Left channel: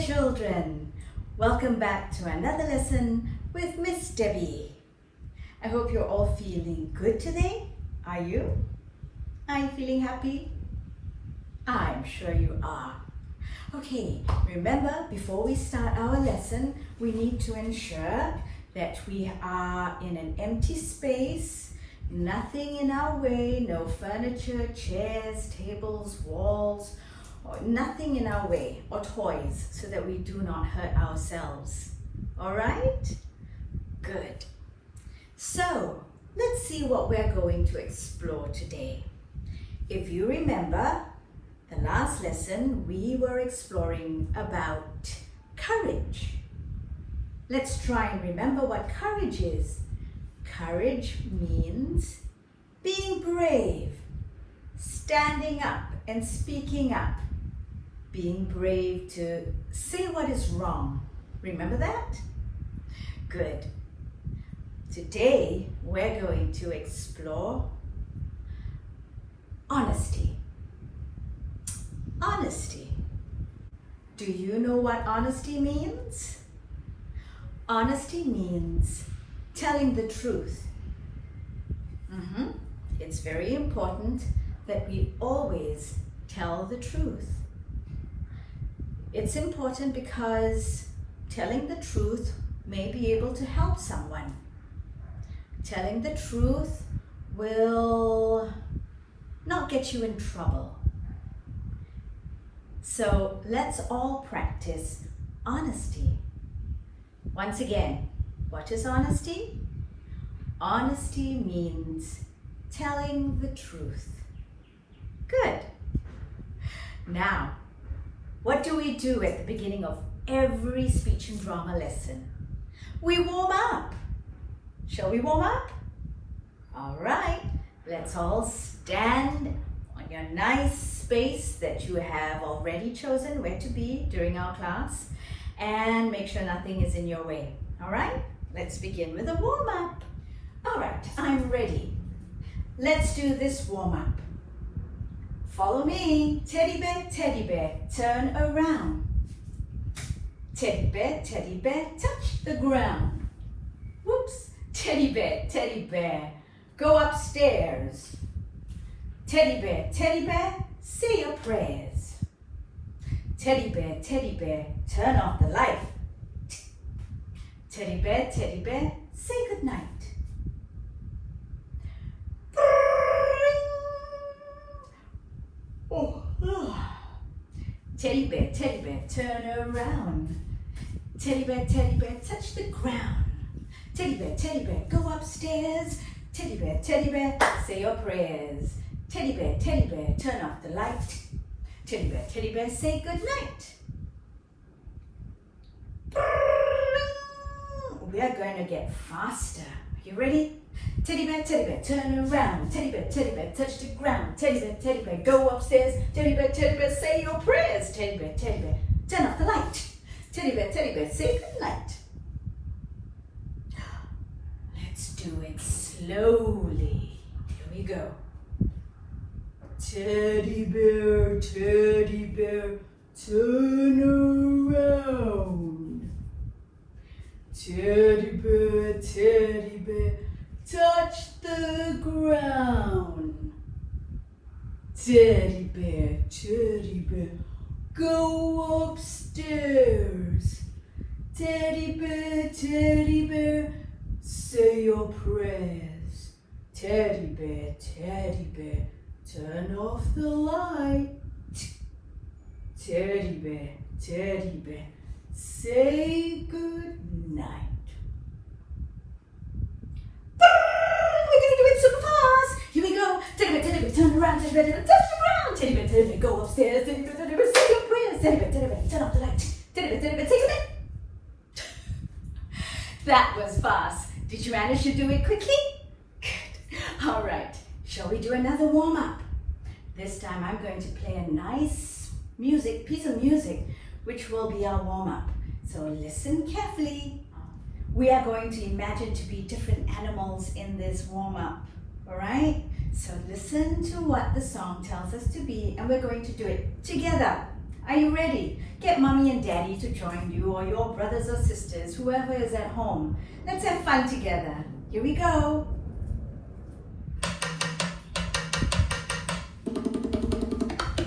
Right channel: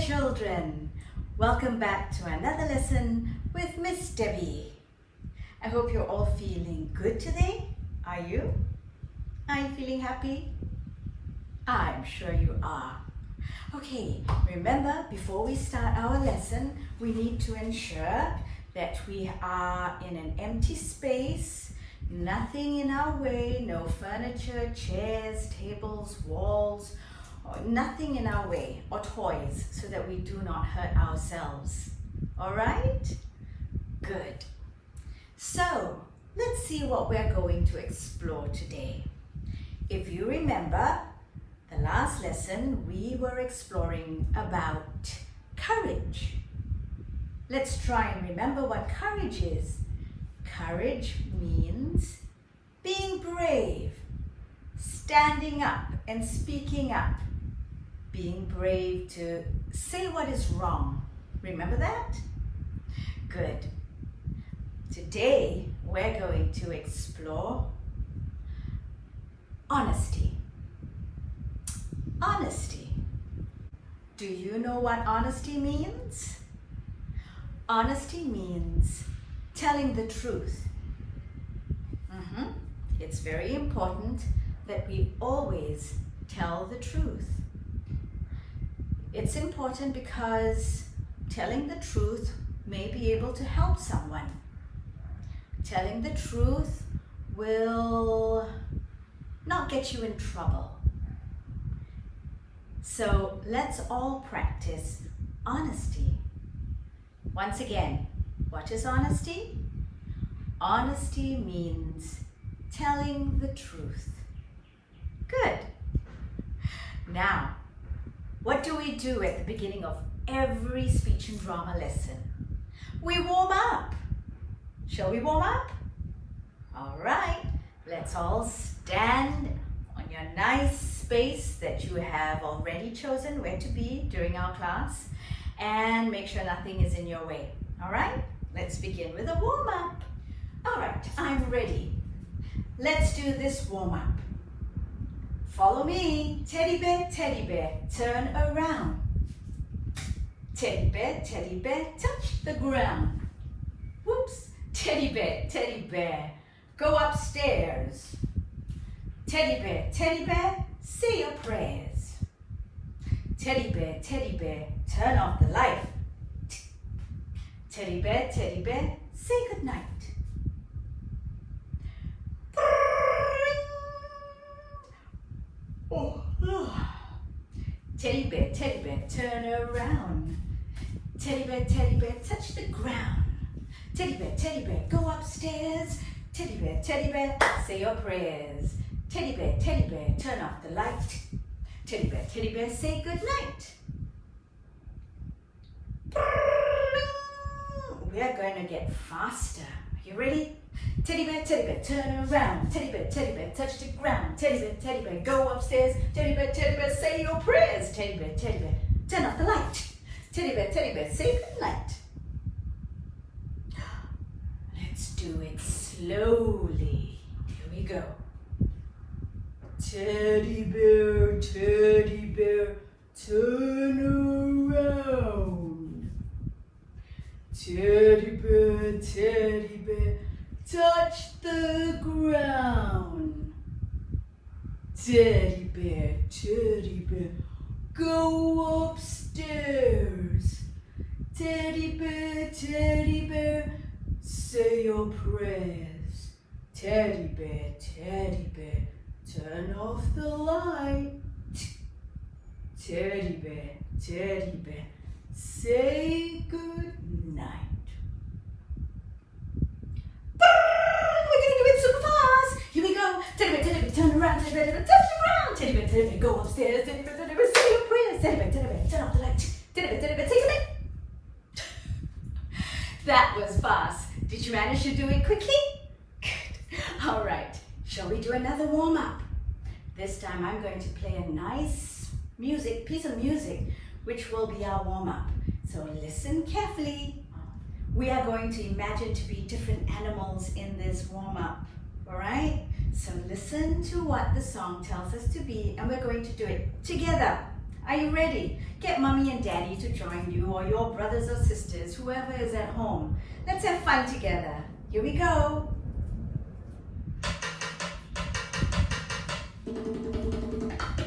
there, children. Welcome back to another lesson with Miss Debbie. I hope you're all feeling good today. Are you? Are you feeling happy? I'm sure you are. Okay, remember, before we start our lesson, we need to ensure that we are in an empty space, nothing in our way, no furniture, chairs, tables, walls, or nothing in our way, or toys, so that we do not hurt ourselves. All right? Good. So, let's see what we're going to explore today. If you remember, the last lesson we were exploring about courage. Let's try and remember what courage is. Courage means being brave, standing up and speaking up, being brave to say what is wrong. Remember that? Good. Today we're going to explore honesty. Honesty. Do you know what honesty means? Honesty means telling the truth. It's very important that we always tell the truth. It's important because telling the truth may be able to help someone. Telling the truth will not get you in trouble. So let's all practice honesty. Once again, what is honesty? Honesty means telling the truth. Good. Now, what do we do at the beginning of every speech and drama lesson? We warm up. Shall we warm up? All right, let's all stand on your nice space that you have already chosen where to be during our class, and make sure nothing is in your way. All right, let's begin with a warm up. All right, I'm ready. Let's do this warm up. Follow me. Teddy bear, turn around. Teddy bear, touch the ground. Whoops. Teddy bear, go upstairs. Teddy bear, say your prayers. Teddy bear, turn off the light. Teddy bear, say goodnight. Teddy bear, turn around. Teddy bear, touch the ground. Teddy bear, go upstairs. Teddy bear, say your prayers. Teddy bear, turn off the light. Teddy bear, say goodnight. We are going to get faster. Are you ready? Teddy bear, turn around. Teddy bear, touch the ground. Teddy bear, go upstairs. Teddy bear, say your prayers. Teddy bear, turn off the light. Teddy bear, say goodnight. Let's do it slowly. Here we go. Teddy bear, turn around. Teddy bear, touch the ground. Teddy bear, go upstairs. Teddy bear, say your prayers. Teddy bear, turn off the light. Teddy bear, say good night. We're going to do it super fast. Here we go. Teddy bear, turn around. Teddy bear, touch the ground. Teddy bear, go upstairs. Teddy bear, say your prayers. Teddy bear, turn off the light. Teddy bear, take a minute. That was fast. Did you manage to do it quickly? Good. All right. Shall we do another warm up? This time I'm going to play a nice piece of music, which will be our warm up. So listen carefully. We are going to imagine to be different animals in this warm up. All right? So listen to what the song tells us to be, and we're going to do it together. Are you ready? Get mommy and daddy to join you, or your brothers or sisters, whoever is at home. Let's have fun together. Here we go.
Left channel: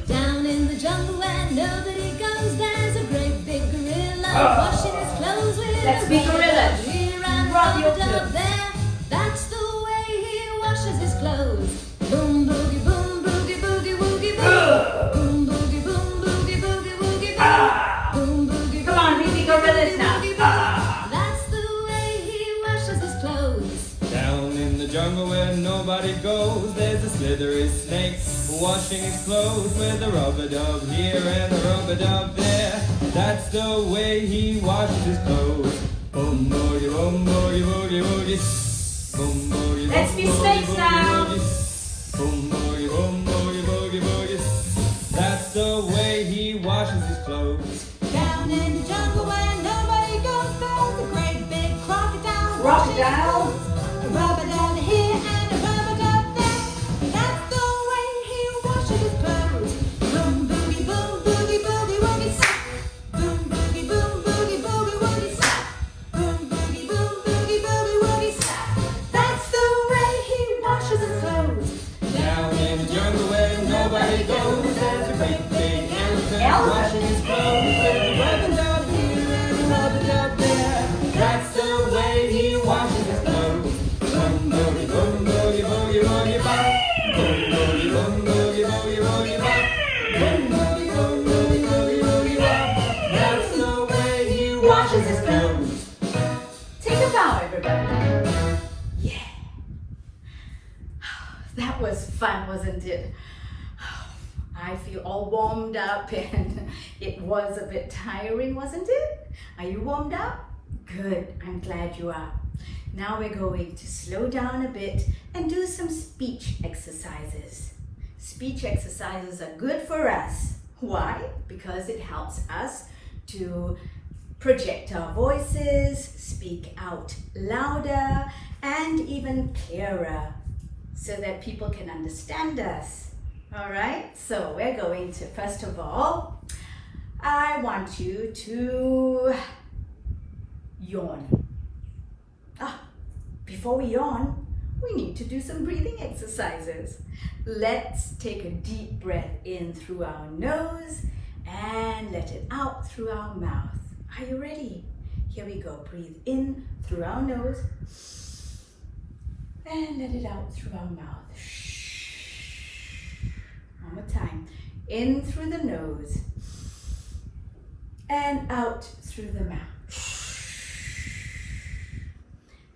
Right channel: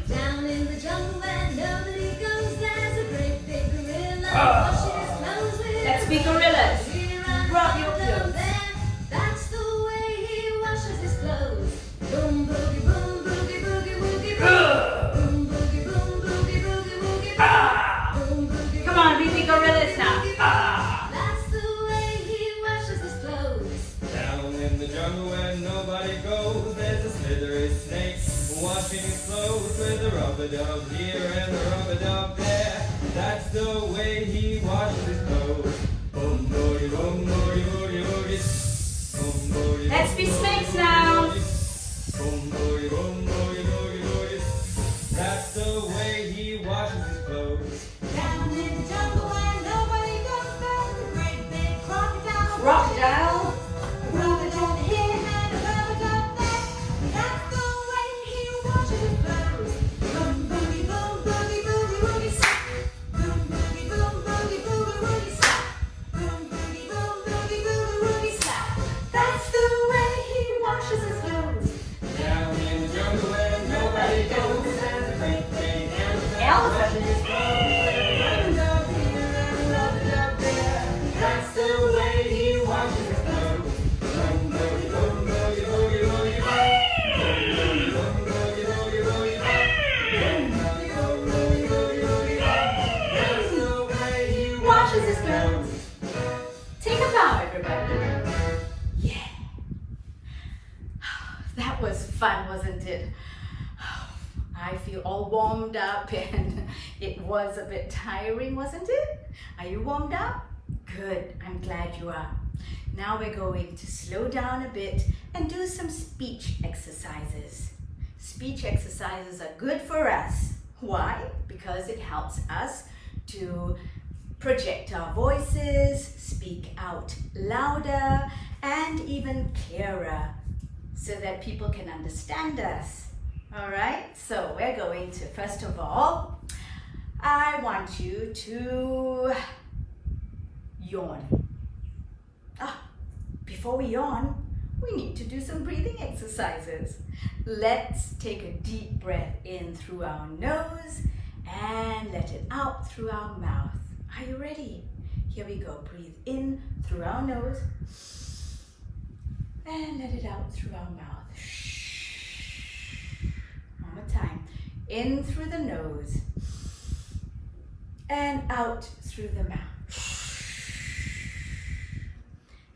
Down in the jungle where nobody goes, there's a great big gorilla washing his clothes with Let's be gorillas. Rub your clothes. That's the way he washes his clothes. Boom boogie boom boogie boogie woogie boom. Boom boogie boom boogie boogie woogie boom. Boom boogie. Come on, we be gorillas now. That's the way he washes his clothes. Down in the jungle where nobody goes, there's a slithery snake washing his clothes with a rubber dub here and a rubber dub there. That's the way he washes his clothes. Boom boogie boom boogie boogie boogie. Boom boogie. Let's be snakes now. Boom boogie boom boogie boogie boogie. That's the way he washes his clothes. Down in the jungle where nobody goes, there's a great big crocodile. Crocodile. A rubber dub here and a rubber dub there. That's the way he washes his clothes. Boom boogie boom boogie boogie woogie stop. Boom boogie boom boogie boogie woogie stop. Boom boogie boom boogie boogie woogie stop. That's the way he washes his clothes. Down in the jungle where nobody goes, there's a great big elephant washing his clothes with a rubber dub here and a rubber dub there. That's the way he washes his clothes. Boom boogie boom boogie boogie boogie bop. Boom boogie boom boogie boogie boogie bop. Boom boogie boom boogie boogie boogie bop. That's the way he washes his clothes. Take a bow, everybody. Yeah. That was fun, wasn't it? I feel all warmed up and it was a bit tiring, wasn't it? Are you warmed up? Good, I'm glad you are. Now we're going to slow down a bit and do some speech exercises. Speech exercises are good for us. Why? Because it helps us to project our voices, speak out louder and even clearer so that people can understand us. All right, so we're going to, first of all, I want you to yawn. Before we yawn, we need to do some breathing exercises. Let's take a deep breath in through our nose and let it out through our mouth. Are you ready? Here we go. Breathe in through our nose and let it out through our mouth. One more time. In through the nose and out through the mouth.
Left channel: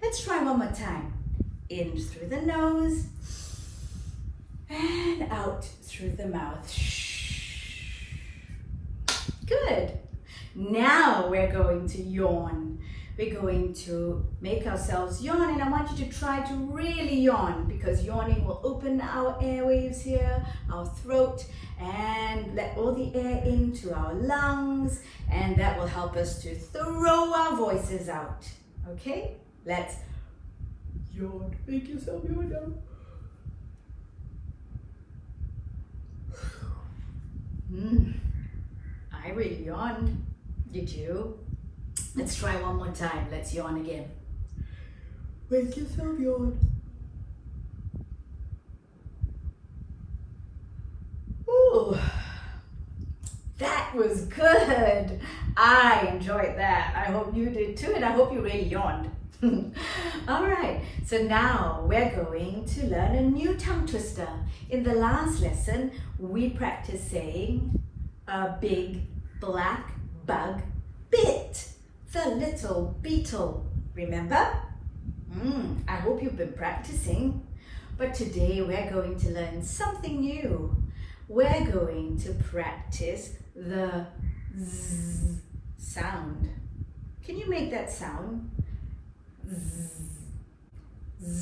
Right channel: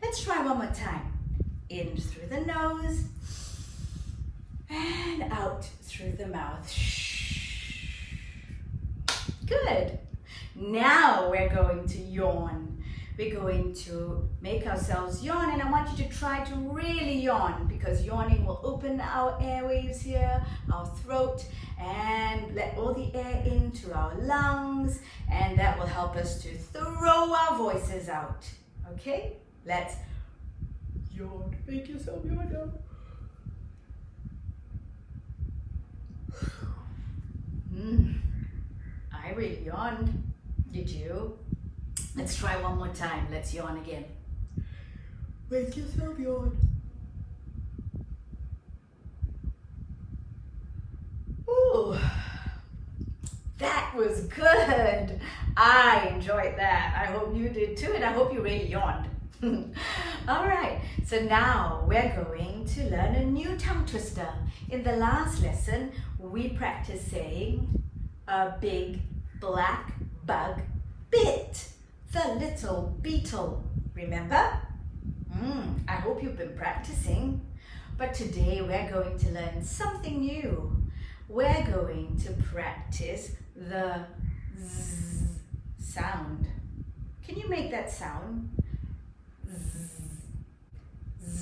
Let's try one more time. In through the nose and out through the mouth. Good. Now we're going to yawn. We're going to make ourselves yawn, and I want you to try to really yawn because yawning will open our airwaves here, our throat, and let all the air into our lungs, and that will help us to throw our voices out. Okay? Let's yawn. Make yourself yawn now. I really yawned. Did you? Let's try one more time. Let's yawn again. Make yourself yawn. Ooh, that was good. I enjoyed that. I hope you did too, and I hope you really yawned. All right, so now we're going to learn a new tongue twister. In the last lesson, we practiced saying a big black bug bit the little beetle. Remember? I hope you've been practicing. But today we're going to learn something new. We're going to practice the Z sound. Can you make that sound? Z, z,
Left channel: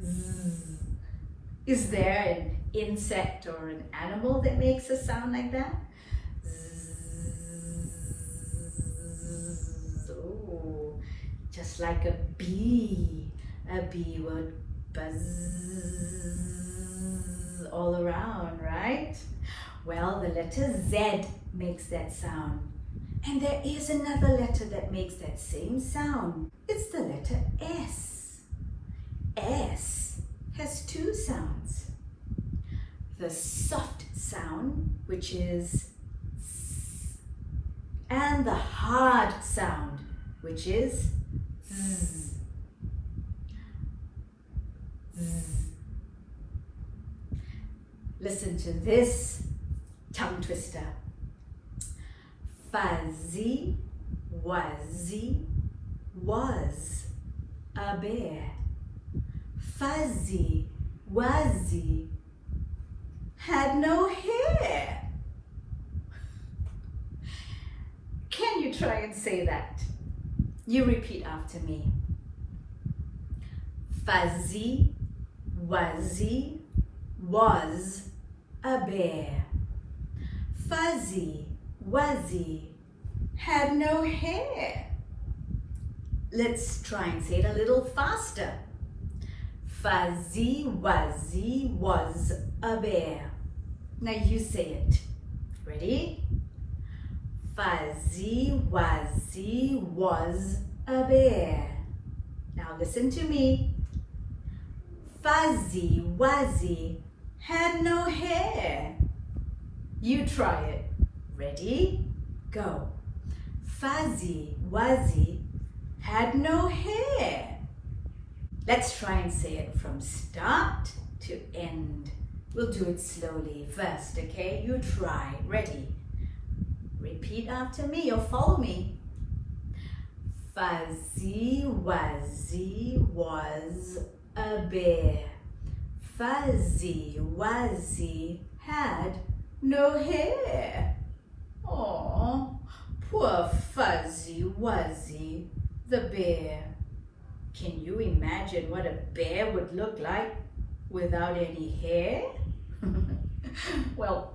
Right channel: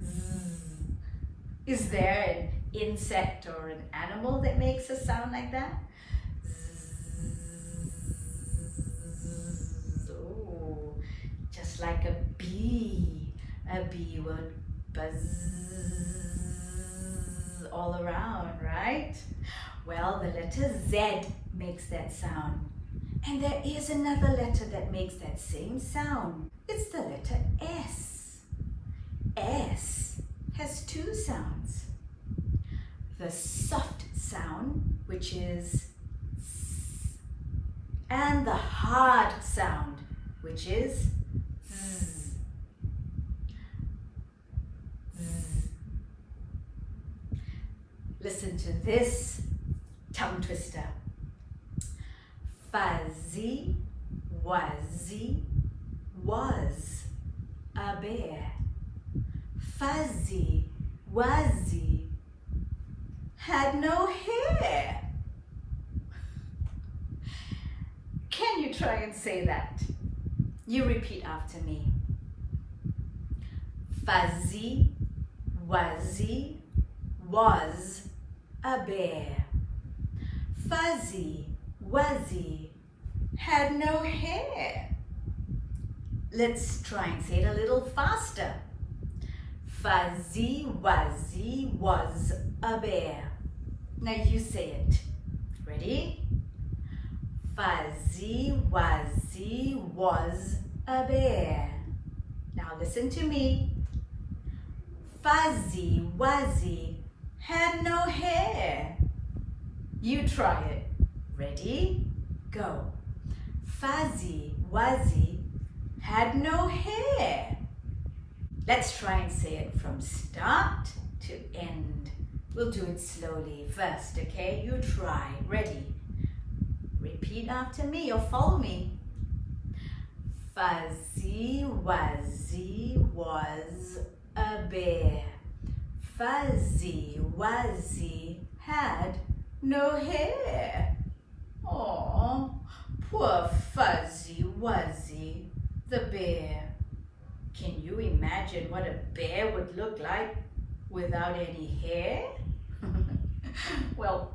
z. Is there an insect or an animal that makes a sound like that? Oh, just like a bee. A bee would buzz all around, right? Well, the letter Z makes that sound. And there is another letter that makes that same sound. It's the letter S. S has two sounds. The soft sound, which is S, and the hard sound, which is Z. Z. Listen to this tongue twister. Fuzzy Wuzzy was a bear. Fuzzy Wuzzy had no hair. Can you try and say that? You repeat after me. Fuzzy Wuzzy was a bear. Fuzzy Wuzzy had no hair. Let's try and say it a little faster. Fuzzy Wuzzy was a bear. Now you say it. Ready? Fuzzy Wuzzy was a bear. Now listen to me. Fuzzy Wuzzy had no hair. You try it. Ready? Go. Fuzzy Wuzzy had no hair. Let's try and say it from start to end. We'll do it slowly first, okay? You try. Ready? Repeat after me or follow me. Fuzzy Wuzzy was a bear. Fuzzy Wuzzy had no hair. Aw, poor Fuzzy Wuzzy, the bear. Can you imagine what a bear would look like without any hair? Well,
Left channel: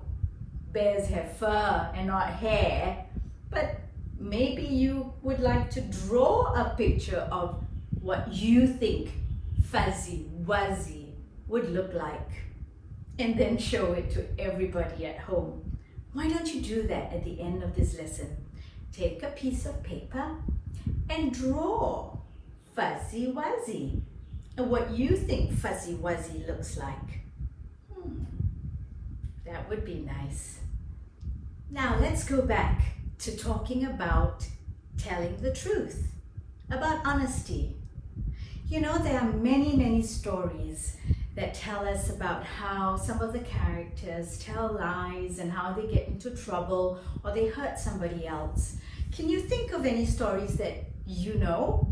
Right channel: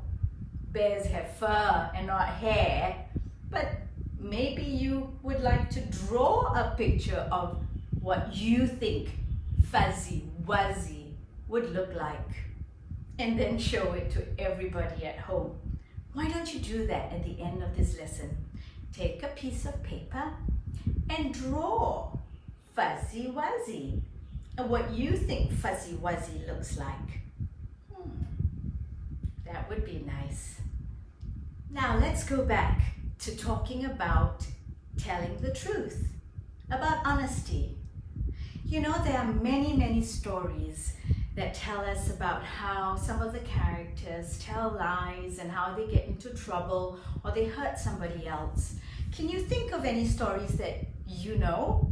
bears have fur and not hair, but maybe you would like to draw a picture of what you think Fuzzy Wuzzy would look like and then show it to everybody at home. Why don't you do that at the end of this lesson? Take a piece of paper and draw Fuzzy Wuzzy and what you think Fuzzy Wuzzy looks like. That would be nice. Now let's go back to talking about telling the truth, about honesty. You know, there are many stories that tell us about how some of the characters tell lies and how they get into trouble or they hurt somebody else. Can you think of any stories that you know?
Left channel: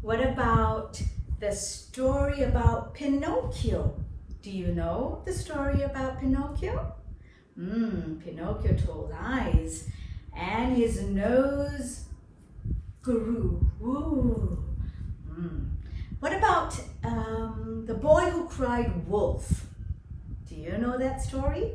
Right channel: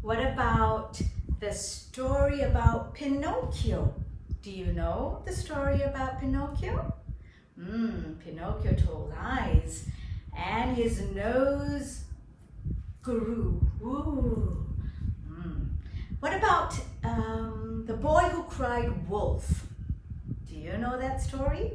What about the story about Pinocchio? Do you know the story about Pinocchio? Pinocchio told lies and his nose grew. Ooh. What about the boy who cried wolf? Do you know that story?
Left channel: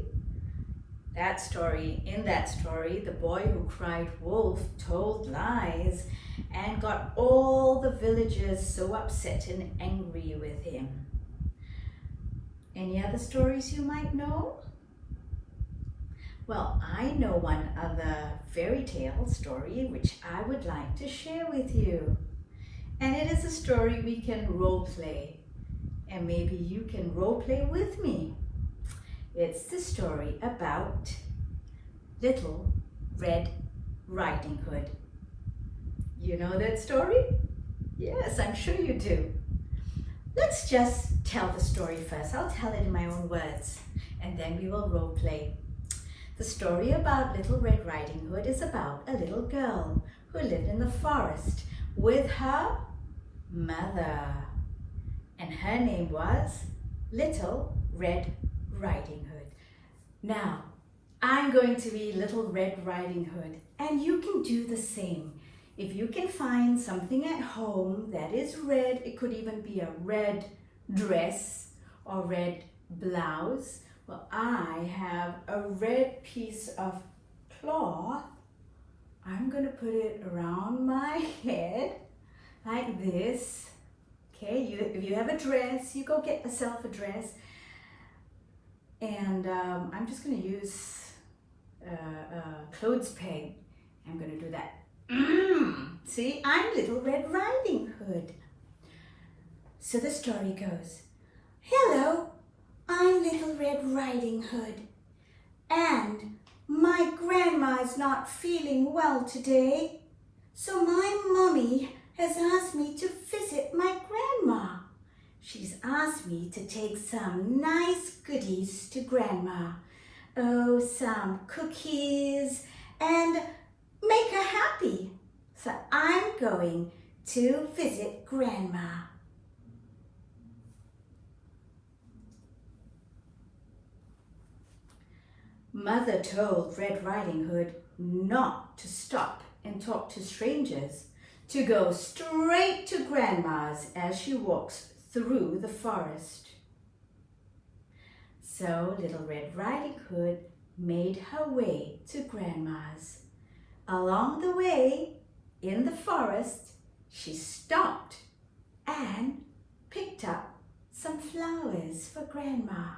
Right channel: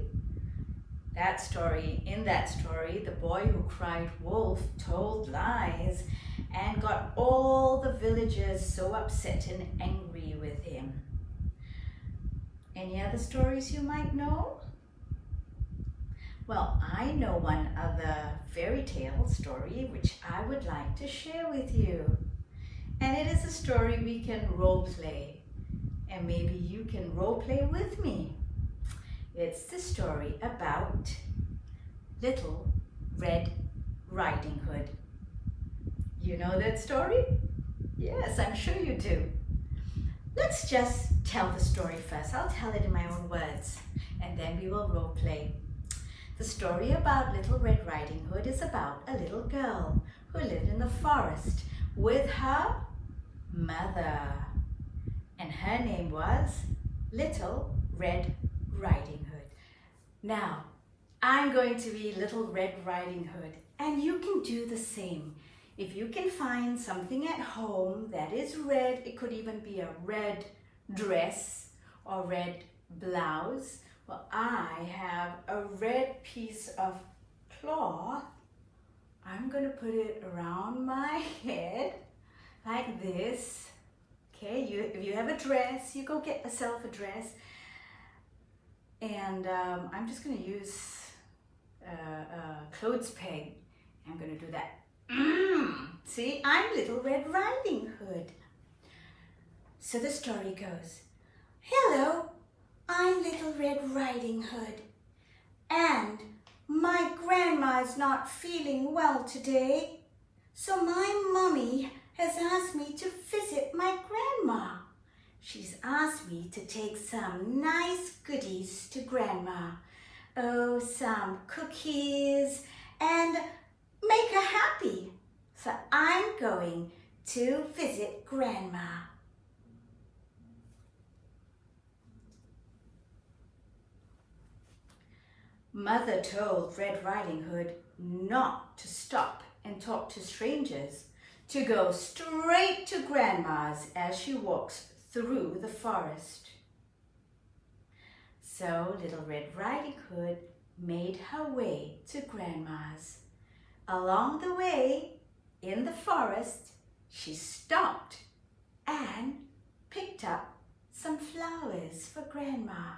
In that story, the boy who cried wolf told lies and got all the villagers so upset and angry with him. Any other stories you might know? Well, I know one other fairy tale story which I would like to share with you. And it is a story we can role play. And maybe you can role play with me. It's the story about Little Red Riding Hood. You know that story? Yes, I'm sure you do. Let's just tell the story first. I'll tell it in my own words, and then we will role play. The story about Little Red Riding Hood is about a little girl who lived in the forest with her mother. And her name was Little Red Riding Hood. Now, I'm going to be Little Red Riding Hood, and you can do the same. If you can find something at home that is red, it could even be a red dress or red blouse. Well, I have a red piece of cloth. I'm going to put it around my head like this. Okay, if you have a dress, you go get yourself a dress. And I'm just going to use a clothes peg. I'm going to do that. See, I'm Little Red Riding Hood. So the story goes, hello, I'm Little Red Riding Hood. And my grandma's not feeling well today. So my mommy has asked me to visit my grandma. She's asked me to take some nice goodies to grandma. Oh, some cookies and make her happy. So I'm going to visit grandma. Mother told Red Riding Hood not to stop and talk to strangers, to go straight to grandma's as she walks through the forest. So Little Red Riding Hood made her way to grandma's. Along the way, in the forest, she stopped and picked up some flowers for grandma.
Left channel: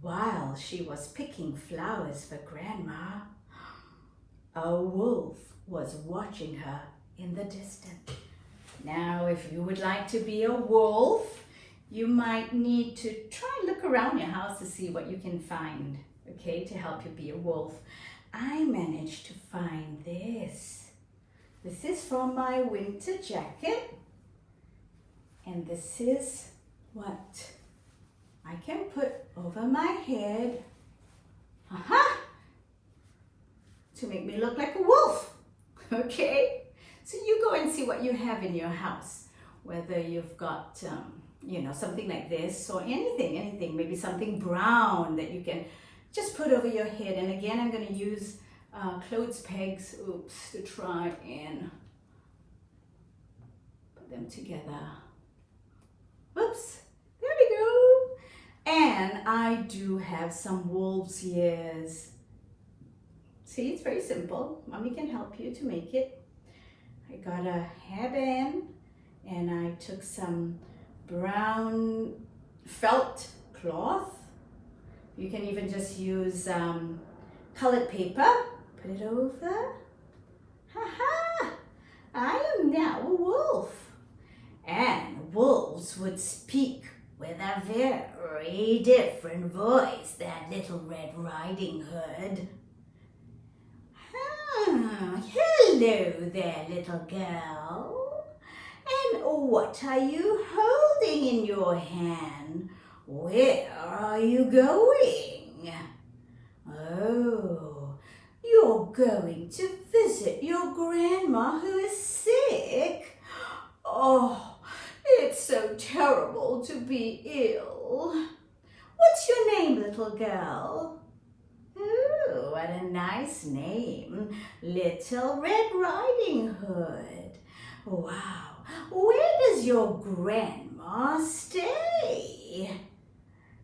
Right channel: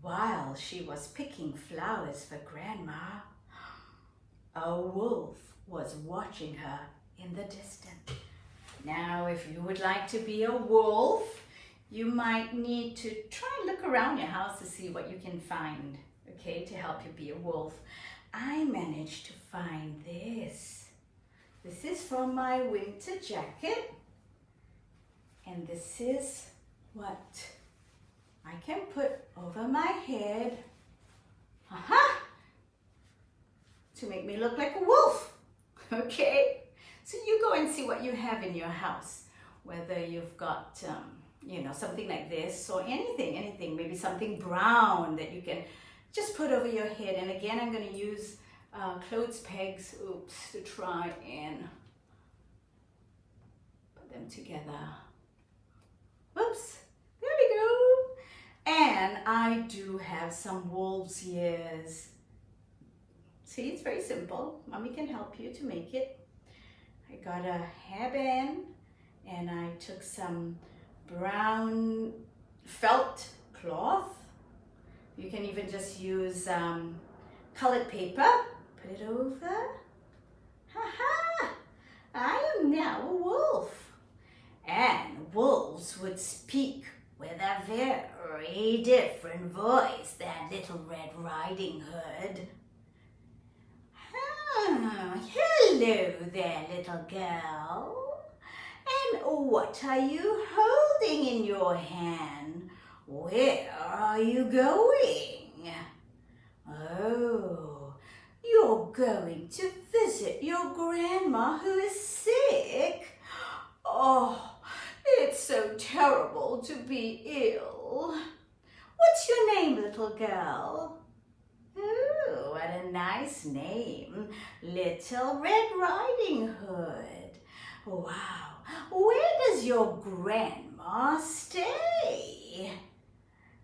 While she was picking flowers for grandma, a wolf was watching her in the distance. Now, if you would like to be a wolf, you might need to try and look around your house to see what you can find, okay, to help you be a wolf. I managed to find this. This is from my winter jacket, and this is what I can put over my head, to make me look like a wolf, okay? So you go and see what you have in your house, whether you've got, something like this or anything, maybe something brown that you can just put over your head. And again, I'm going to use clothes pegs, to try and put them together. Whoops, there we go. And I do have some wolf's ears. See, it's very simple. Mommy can help you to make it. I got a hairband and I took some brown felt cloth. You can even just use colored paper. Put it over. Ha! I am now a wolf. And wolves would speak with a very different voice than Little Red Riding Hood. Hello there, little girl. And what are you holding in your hand? Where are you going? Oh, you're going to visit your grandma who is sick. Oh, it's so terrible to be ill. What's your name, little girl? Oh, what a nice name. Little Red Riding Hood. Wow, where does your grandma stay?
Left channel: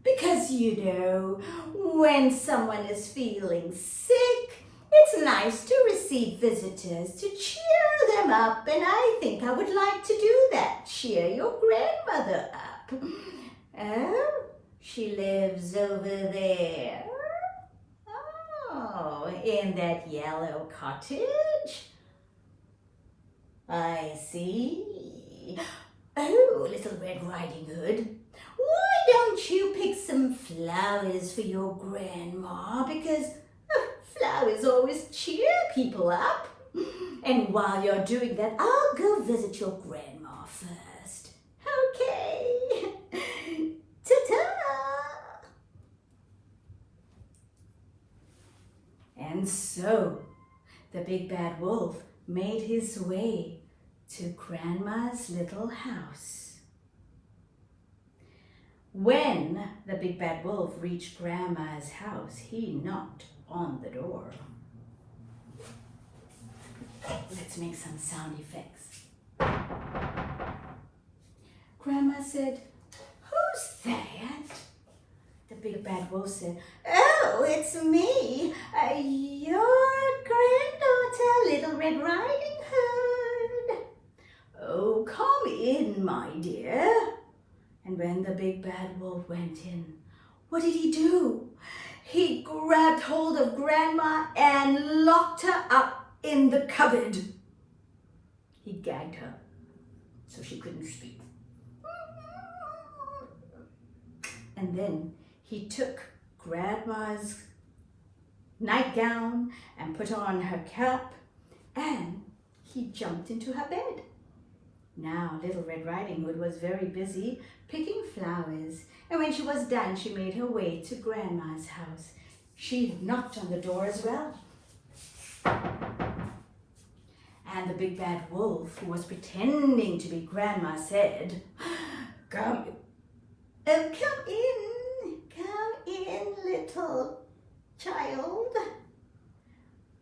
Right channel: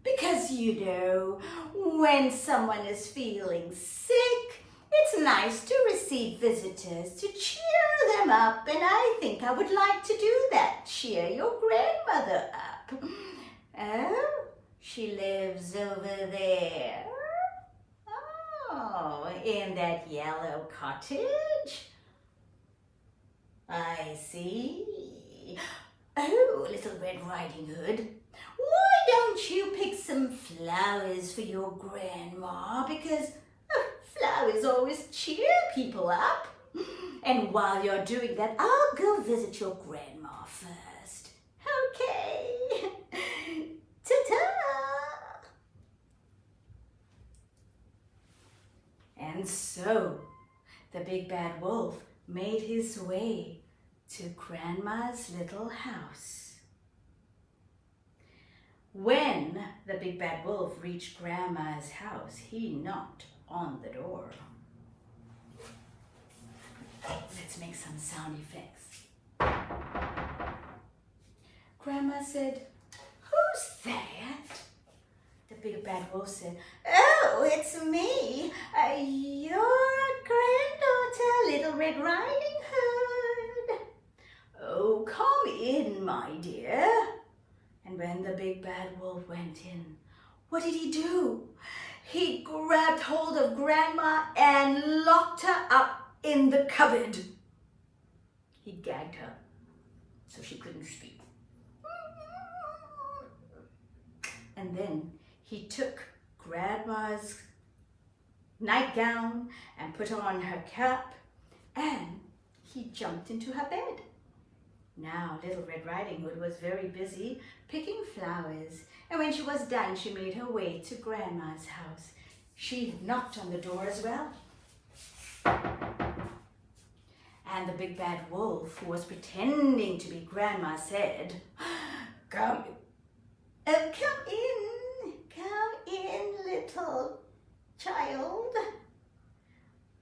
Because, when someone is feeling sick, it's nice to receive visitors to cheer them up, and I think I would like to do that, cheer your grandmother up. Oh, she lives over there. Oh, in that yellow cottage? I see. Oh, Little Red Riding Hood, why don't you pick some flowers for your grandma? Because flowers always cheer people up. And while you're doing that, I'll go visit your grandma first. Okay. Ta-ta! And so, the big bad wolf made his way to Grandma's little house. When the big bad wolf reached Grandma's house, he knocked on the door. Let's make some sound effects. Grandma said, "Who's that?" The big bad wolf said, "Oh, it's me, your granddaughter, Little Red Riding Hood. Oh, come in, my dear." And when the big bad wolf went in, what did he do? He grabbed hold of Grandma and locked her up in the cupboard. He gagged her so she couldn't speak. And then he took Grandma's nightgown and put on her cap, and he jumped into her bed. Now Little Red Riding Hood was very busy picking flowers, and when she was done, she made her way to Grandma's house. She knocked on the door as well. And the big bad wolf, who was pretending to be Grandma, said, come in, little child.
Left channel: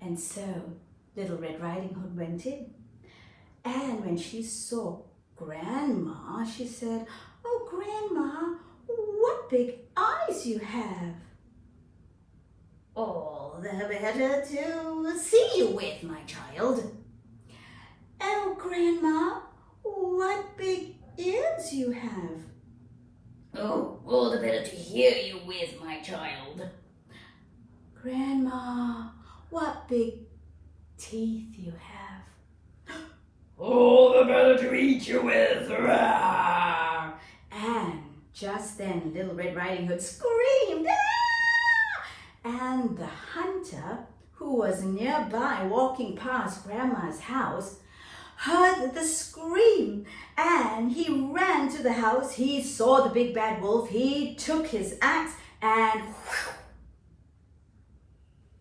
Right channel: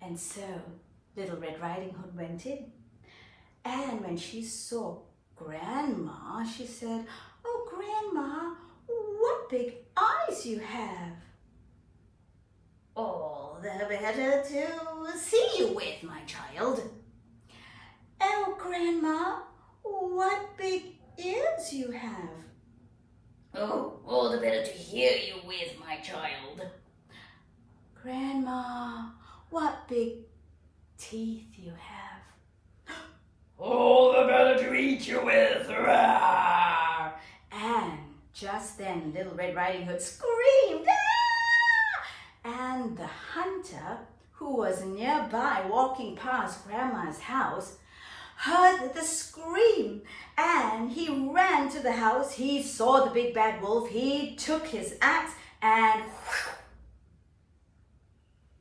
And so Little Red Riding Hood went in. And when she saw Grandma, she said, oh, Grandma, what big eyes you have. All the better to see you with, my child. Oh, Grandma, what big ears you have. Oh, all the better to hear you with, my child. Grandma, what big teeth you have. All the better to eat you with. Rawr! And just then Little Red Riding Hood screamed. Ah! And the hunter, who was nearby walking past Grandma's house, heard the scream, and he ran to the house. He saw the big bad wolf. He took his axe and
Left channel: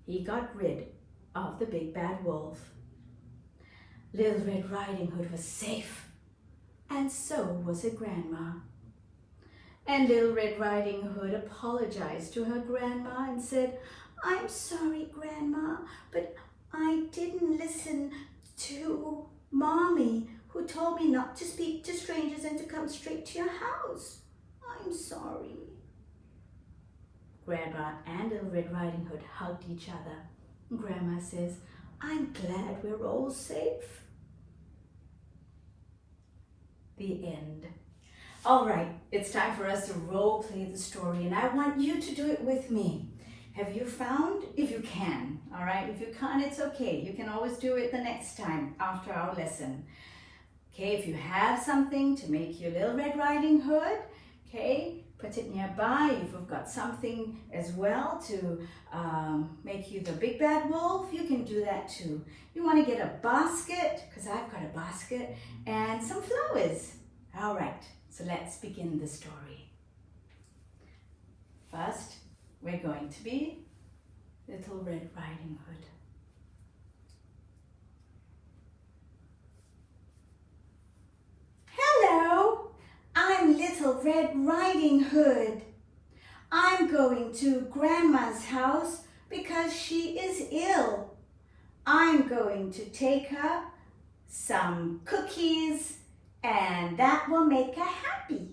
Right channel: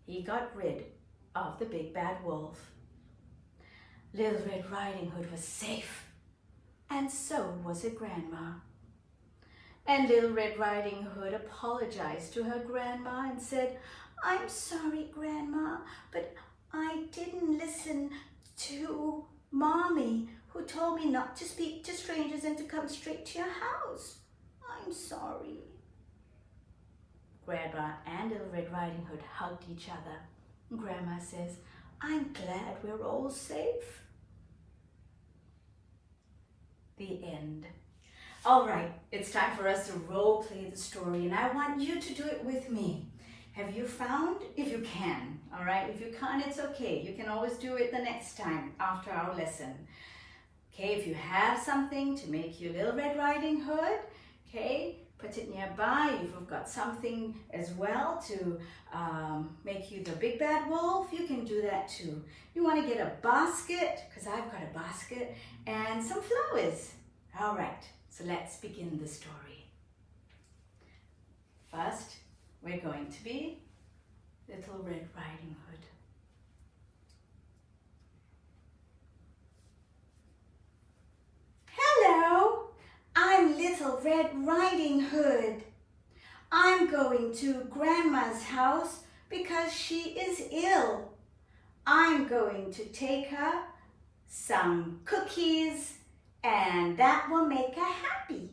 he got rid of the big bad wolf. Little Red Riding Hood was safe, and so was her Grandma. And Little Red Riding Hood apologized to her Grandma and said, I'm sorry, Grandma, but I didn't listen to Mommy, who told me not to speak to strangers and to come straight to your house. I'm sorry. Grandma and Little Red Riding Hood hugged each other. Grandma says, I'm glad we're all safe. The end. All right, it's time for us to role play the story, and I want you to do it with me. Have you found? If you can, all right? If you can't, it's okay. You can always do it the next time after our lesson. Okay, if you have something to make your Little Red Riding Hood, okay, put it nearby. If you've got something as well to make you the big bad wolf, you can do that too. You want to get a basket, because I've got a basket, and some flowers. All right, so let's begin the story. First, we're going to be Little Red Riding Hood. Hello, I'm Little Red Riding Hood. I'm going to Grandma's house because she is ill. I'm going to take her some cookies, and that will make her happy.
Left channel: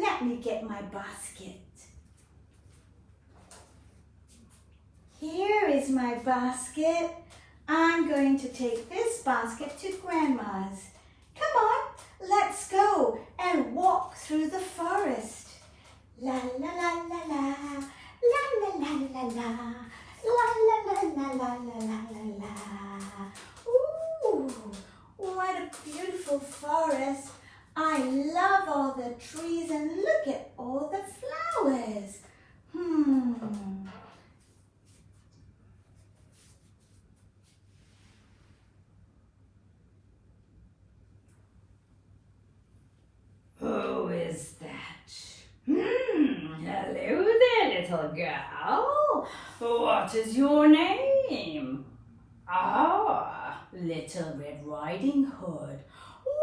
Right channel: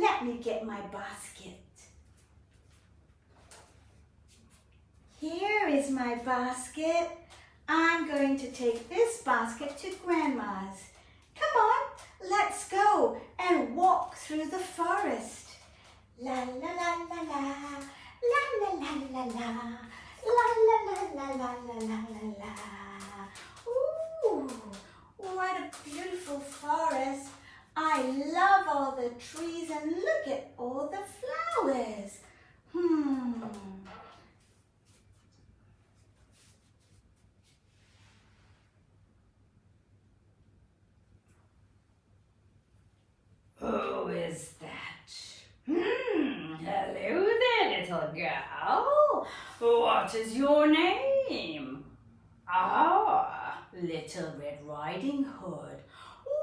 Let me get my basket. Here is my basket. I'm going to take this basket to Grandma's. Come on, let's go and walk through the forest. La la la la la, la la la la la, la la la la la la la la. Ooh, what a beautiful forest. I love all the trees, and look at all the flowers. Who is that? Hello there, little girl. What is your name? Ah, Little Red Riding Hood.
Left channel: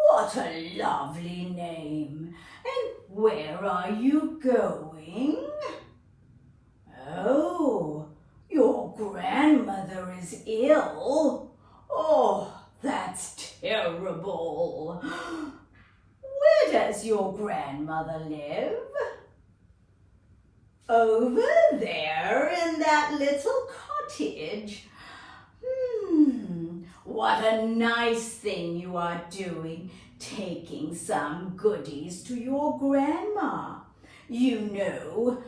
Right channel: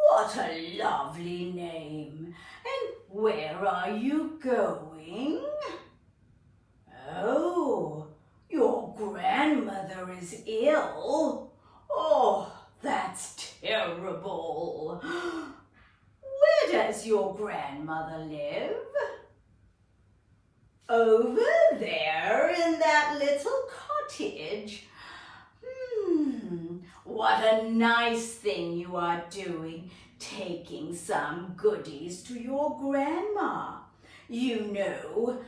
What a lovely name. And where are you going? Oh, your grandmother is ill. Oh, that's terrible. Where does your grandmother live? Over there in that little cottage. What a nice thing you are doing, taking some goodies to your grandma. You know,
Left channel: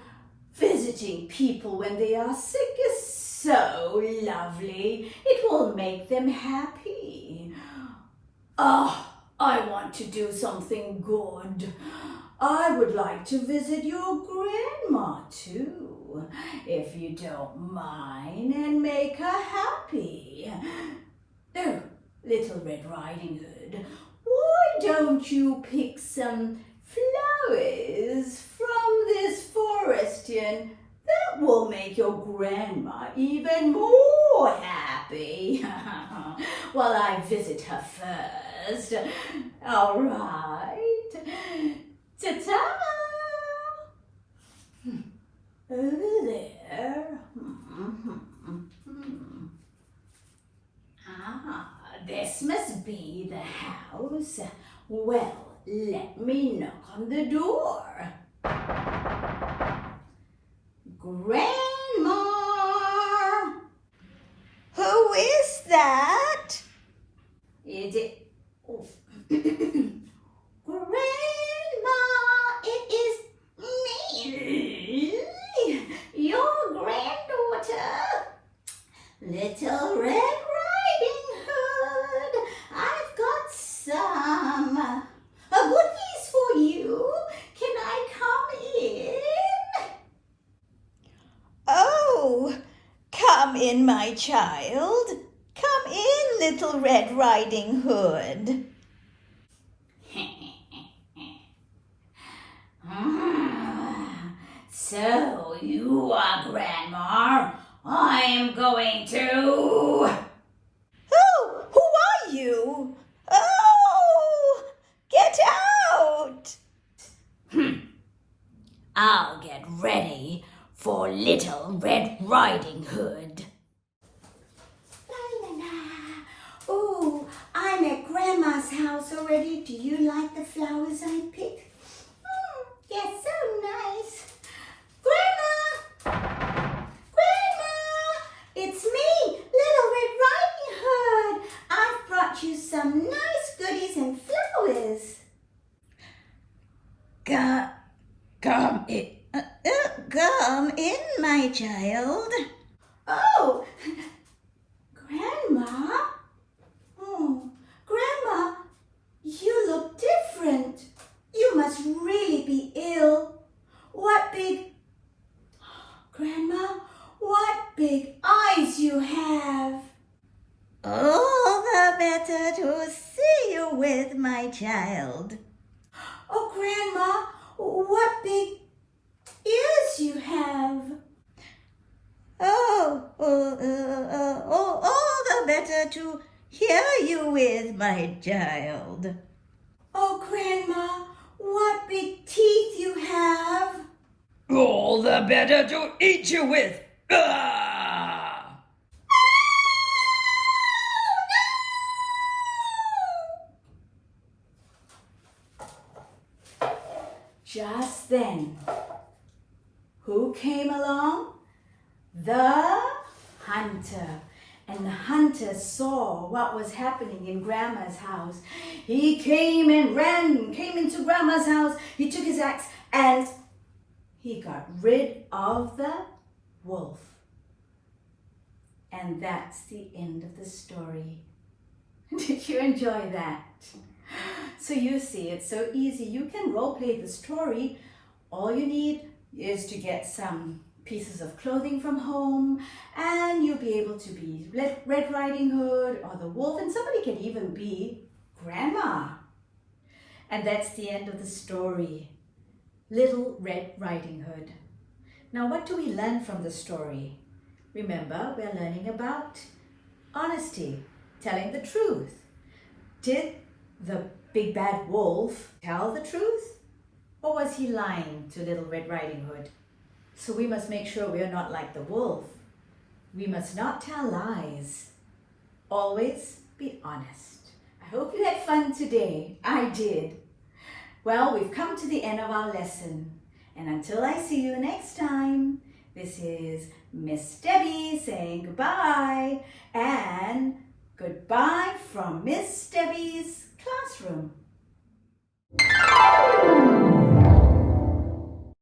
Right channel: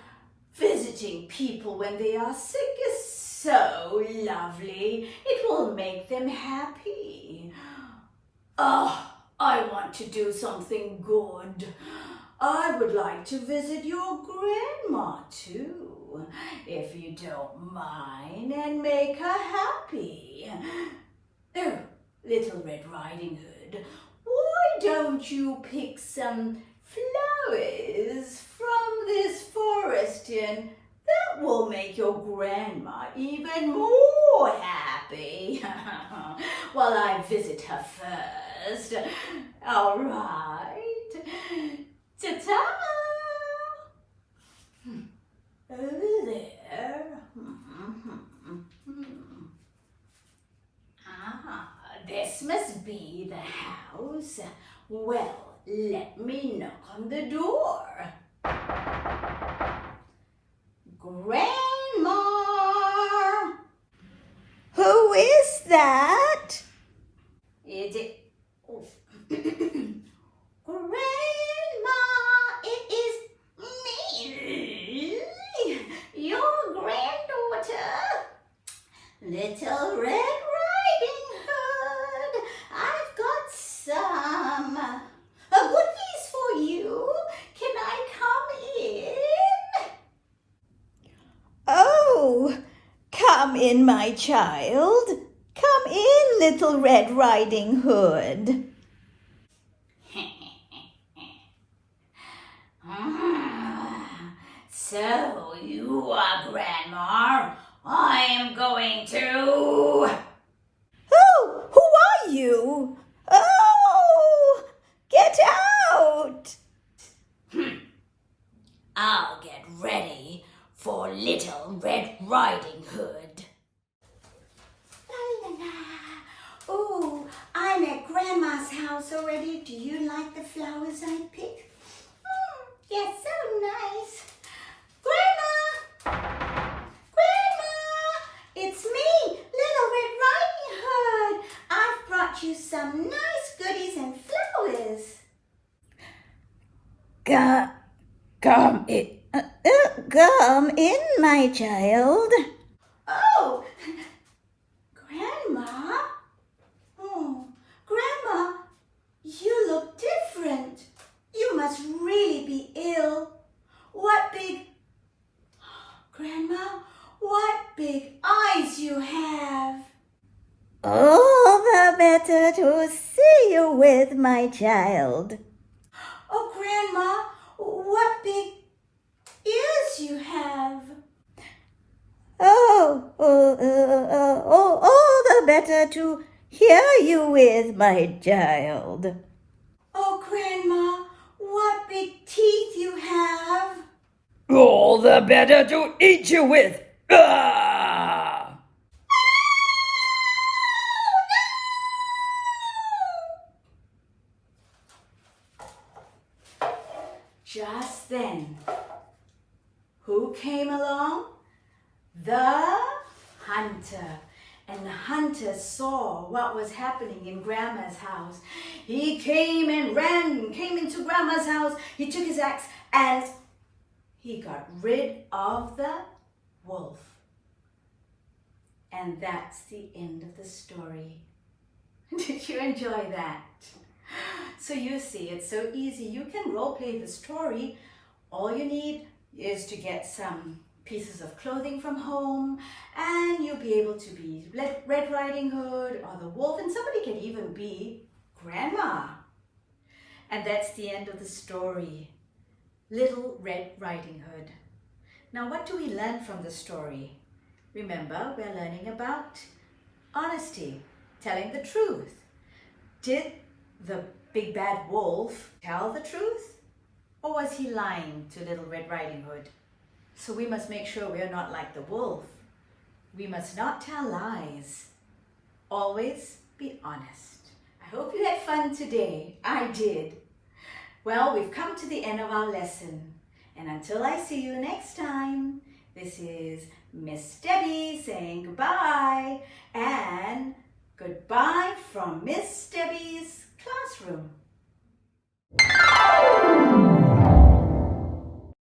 visiting people when they are sick is so lovely. It will make them happy. Ah, I want to do something good. I would like to visit your grandma too, if you don't mind, and make her happy. Oh, Little Red Riding Hood, why don't you pick some flowers from this forest and that will make your grandma even more happy. While I visit her first. All right. Ta-ta! Over there. This must be the house. Well, let me knock on the door. Grandma! Who is that? Is it? Oh. Grandma, it is me, your granddaughter, Little Red Riding Hood. I've got some goodies for you. Can I come in? Oh, come in, my child. Come in, Little Red Riding Hood. So you are Grandma. I am going to... Who are you? Oh, get out! I'll get ready for Little Red Riding Hood. La la la. Oh, I'm at Grandma's house already. Do you like the flowers I picked? Yes, so nice. Grandma! Grandma! It's me, Little Red Riding Hood. I've brought you some nice goodies and flowers. Come in, my child. Oh, Grandma? Oh, Grandma, you look different. You must really be ill. What big... Grandma, what big eyes you have. All the better to see you with, my child. Oh, Grandma, what big ears you have. All the better to hear you with, my child. Oh, Grandma, what big teeth you have. All the better to eat you with. Ah! Just then, who came along? The hunter. And the hunter saw what was happening in Grandma's house. He came and ran, came into Grandma's house. He took his axe and he got rid of the wolf. And that's the end of the story. Did you enjoy that? So you see, it's so easy. You can role play the story. All you need is to get some pieces of clothing from home and you'll be able to be Red Riding Hood or the wolf, and somebody can even be Grandma. And that's the end of the story. Little Red Riding Hood. Now what do we learn from the story? Remember, we're learning about honesty, telling the truth. Did the big bad wolf tell the truth? Or was he lying to Little Red Riding Hood? So we must make sure we are not like the wolf. We must not tell lies. Always be honest. I hope you had fun today. I did. Well, we've come to the end of our lesson. And until I see you next time, this is Miss Debbie saying goodbye. And goodbye from Miss Debbie's classroom.